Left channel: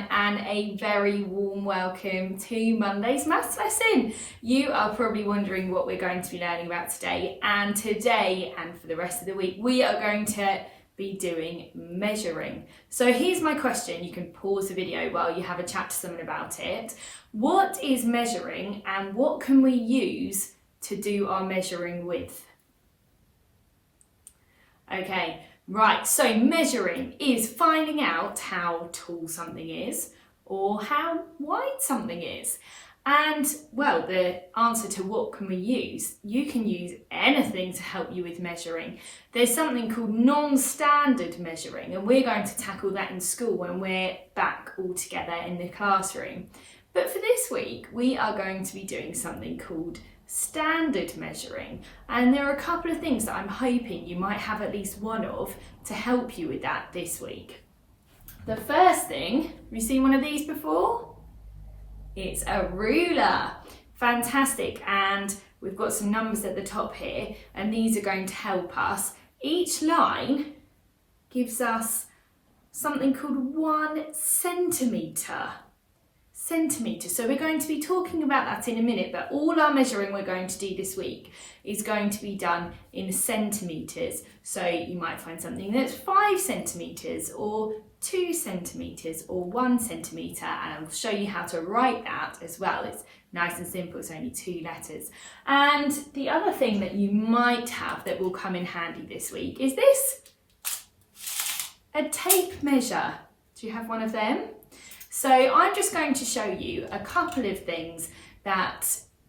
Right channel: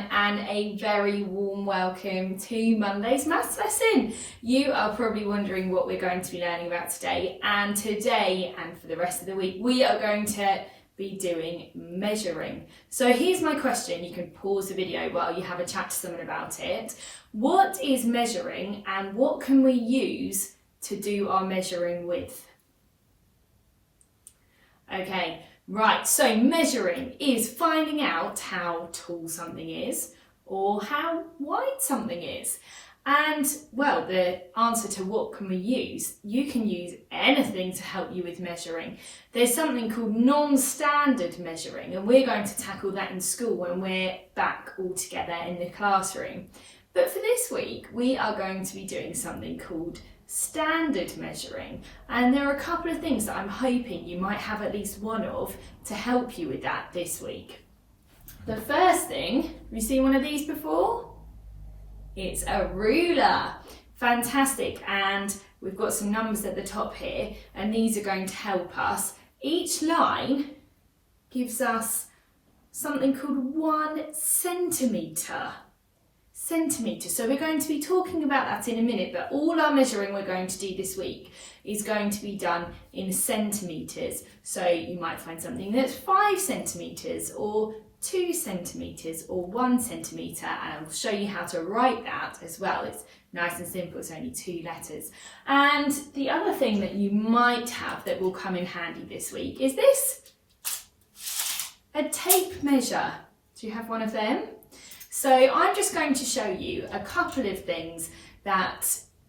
everyone, and a very warm welcome to Monday's maths lesson. You are probably wondering what we're going to be learning about today, and today and for the rest of the week we are going to be doing measuring. So here's my question, you can pause the video while you have a chat to someone about it. What is measuring and what can we use to do our measuring with? Okay. Right, so measuring is finding out how tall something is or how wide something is. And, well, the answer to what can we use, you can use anything to help you with measuring. There's something called non-standard measuring, and we're going to tackle that in school when we're back all together in the classroom. But for this week, we are going to be doing something called standard measuring, and there are a couple of things that I'm hoping you might have at least one of to help you with that this week. The first thing, have you seen one of these before? It's a ruler. Fantastic, and we've got some numbers at the top here, and these are going to help us. Each line gives us something called 1 centimetre. So we're going to be talking about that in a minute, but all our measuring we're going to do this week is going to be done in centimetres. So you might find something that's 5 centimetres or 2 centimetres or 1 centimetre, and I'll show you how to write that as well. It's nice and simple, it's only 2 letters. And the other thing that you might have that will come in handy this week is this, a tape measure. Do you have one of them? So I'm just going to show you a couple of things that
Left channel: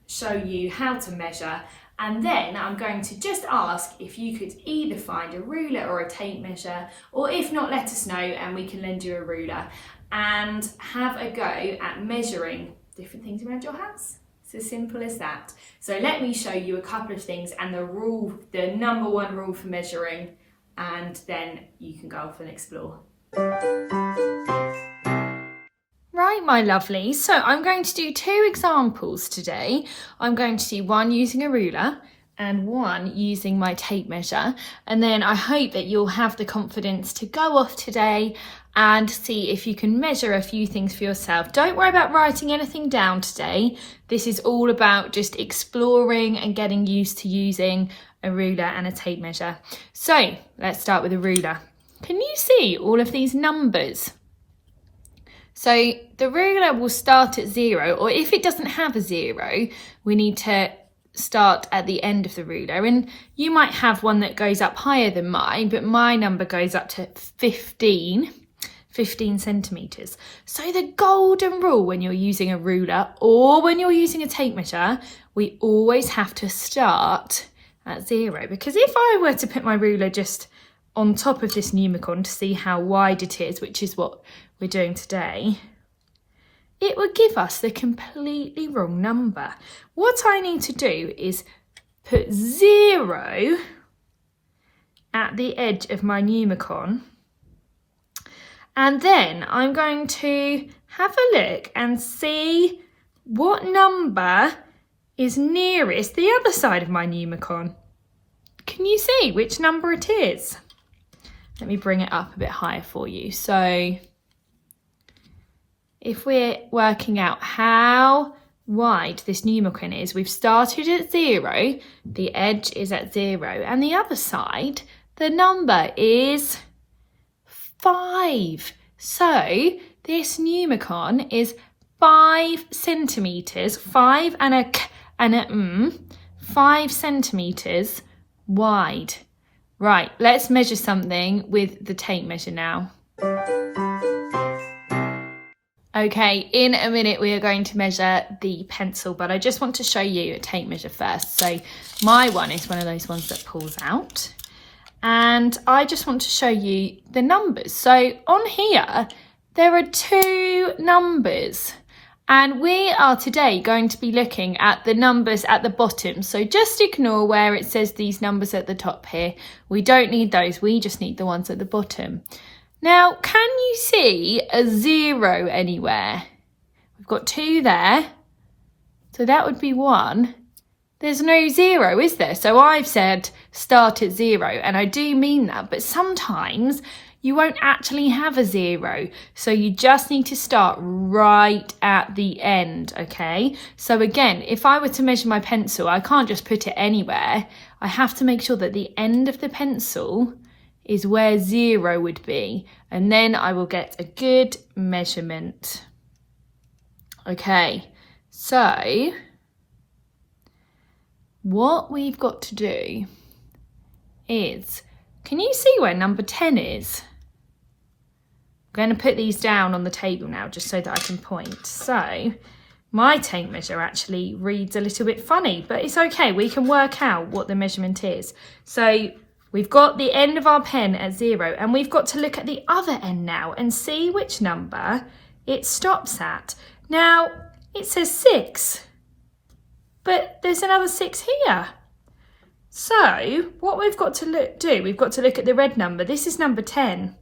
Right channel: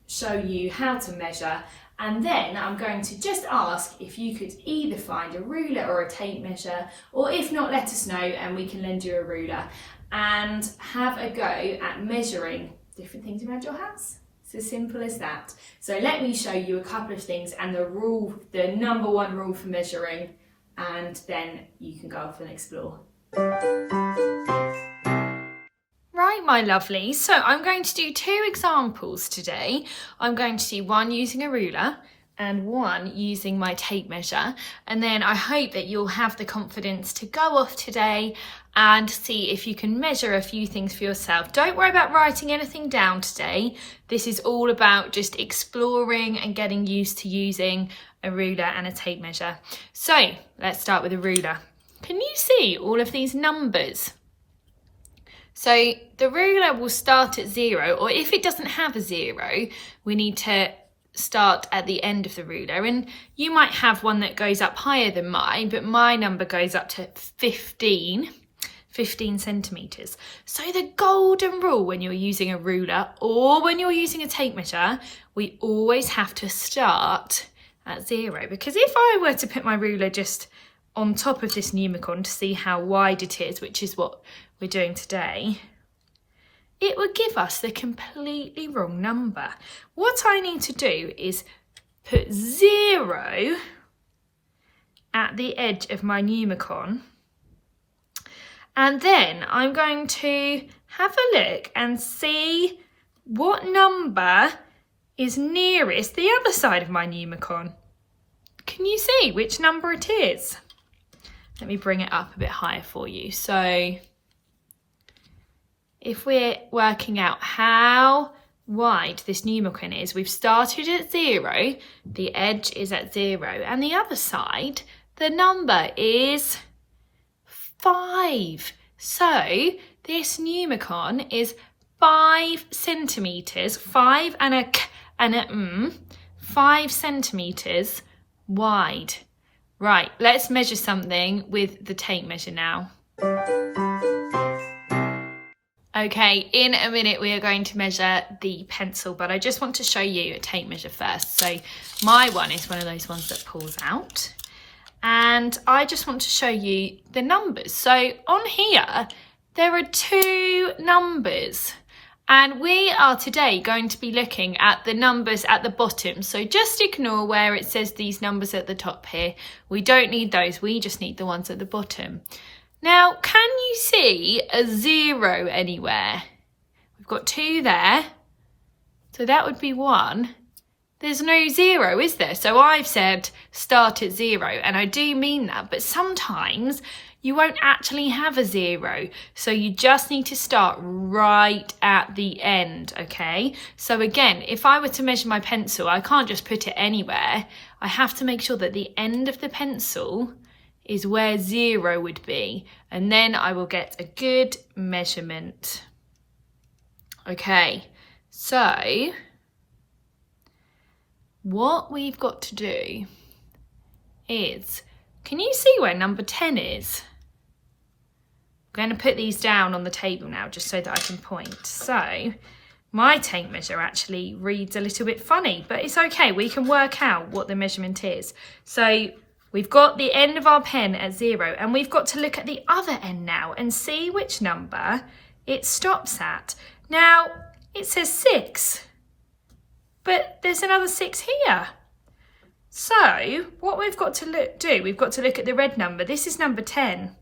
show you how to measure, and then I'm going to just ask if you could either find a ruler or a tape measure, or if not, let us know and we can lend you a ruler and have a go at measuring different things around your house. It's as simple as that. So let me show you a couple of things and the number one rule for measuring, and then you can go off and explore. Right, my lovely, so I'm going to do 2 examples today. I'm going to do one using a ruler and one using my tape measure, and then I hope that you'll have the confidence to go off today and see if you can measure a few things for yourself. Don't worry about writing anything down today. This is all about just exploring and getting used to using a ruler and a tape measure. So let's start with a ruler. Can you see all of these numbers? So the ruler will start at 0, or if it doesn't have a 0, we need to start at the end of the ruler. And you might have one that goes up higher than mine, but my number goes up to 15 centimetres. So the golden rule when you're using a ruler or when you're using a tape measure, we always have to start at 0. Because if I were to put my ruler just on top of this Numicon to see how wide it is, which is what we're doing today, it would give us the completely wrong number. What I need to do is put 0 at the edge of my Numicon, and then I'm going to have a look and see what number is nearest the other side of my Numicon. Can you see which number it is? Let me bring it up a bit higher for you. So if we're working out how wide this Numicon is, we've started at 0, the edge is at 0, and the other side, the number is 5. So this Numicon is 5 centimetres, 5 and a k and a m, 5 centimetres wide. Right, let's measure something with the tape measure now. Okay, in a minute we are going to measure the pencil, but I just want to show you a tape measure first. So my one is one of those ones that pulls out, and I just want to show you the numbers. So on here, there are 2 numbers, and we are today going to be looking at the numbers at the bottom. So just ignore where it says these numbers at the top here. We don't need those, we just need the ones at the bottom. Now, can you see a 0 anywhere? We've got 2 there, so that would be 1. There's no 0, is there? So I've said start at 0, and I do mean that, but sometimes you won't actually have a 0. So you just need to start right at the end, okay? So again, if I were to measure my pencil, I can't just put it anywhere. I have to make sure that the end of the pencil is where 0 would be, and then I will get a good measurement. Okay, so what we've got to do is, can you see where number 10 is? I'm going to put these down on the table now just so that I can point. So my tape measure actually reads a little bit funny, but it's okay. We can work out what the measurement is. So we've got the end of our pen at 0, and we've got to look at the other end now and see which number it stops at. Now, it says 6, but there's another 6 here. So what we've got to do, we've got to look at the red number. This is number 10.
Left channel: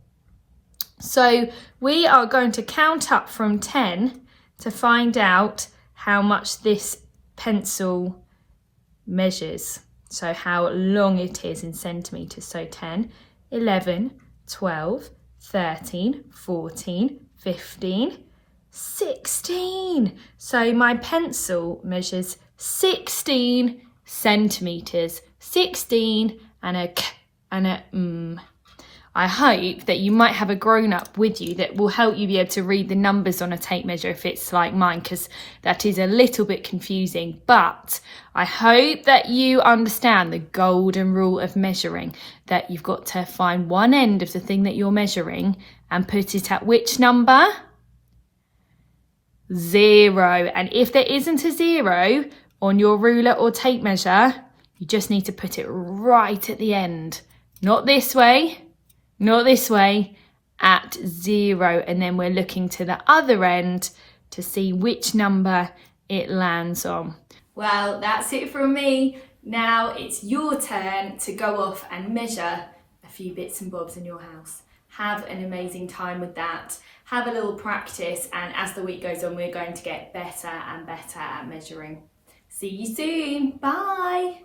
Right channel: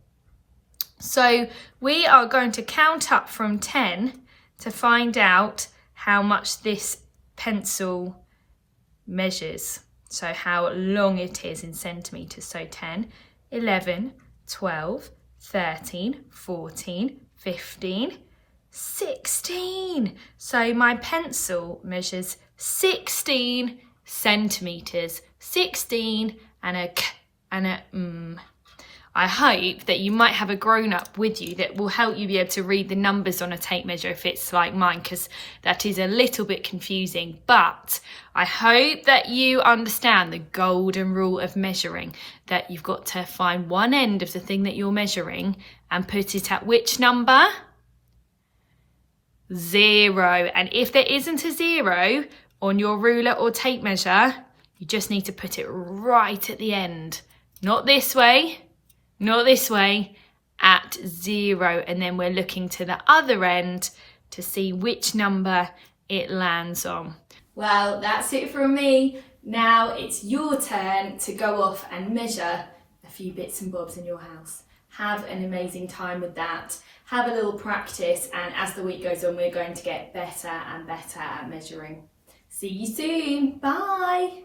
So we are going to count up from 10 to find out how much this pencil measures. So how long it is in centimetres. So 10, 11, 12, 13, 14, 15, 16. So my pencil measures 16 centimetres. 16 and a k and a m. I hope that you might have a grown-up with you that will help you be able to read the numbers on a tape measure if it's like mine, because that is a little bit confusing. But I hope that you understand the golden rule of measuring, that you've got to find one end of the thing that you're measuring and put it at which number? 0. And if there isn't a 0 on your ruler or tape measure, you just need to put it right at the end. Not this way, not this way, at 0. And then we're looking to the other end to see which number it lands on. Well, that's it from me. Now it's your turn to go off and measure a few bits and bobs in your house. Have an amazing time with that. Have a little practice, and as the week goes on, we're going to get better and better at measuring. See you soon. Bye.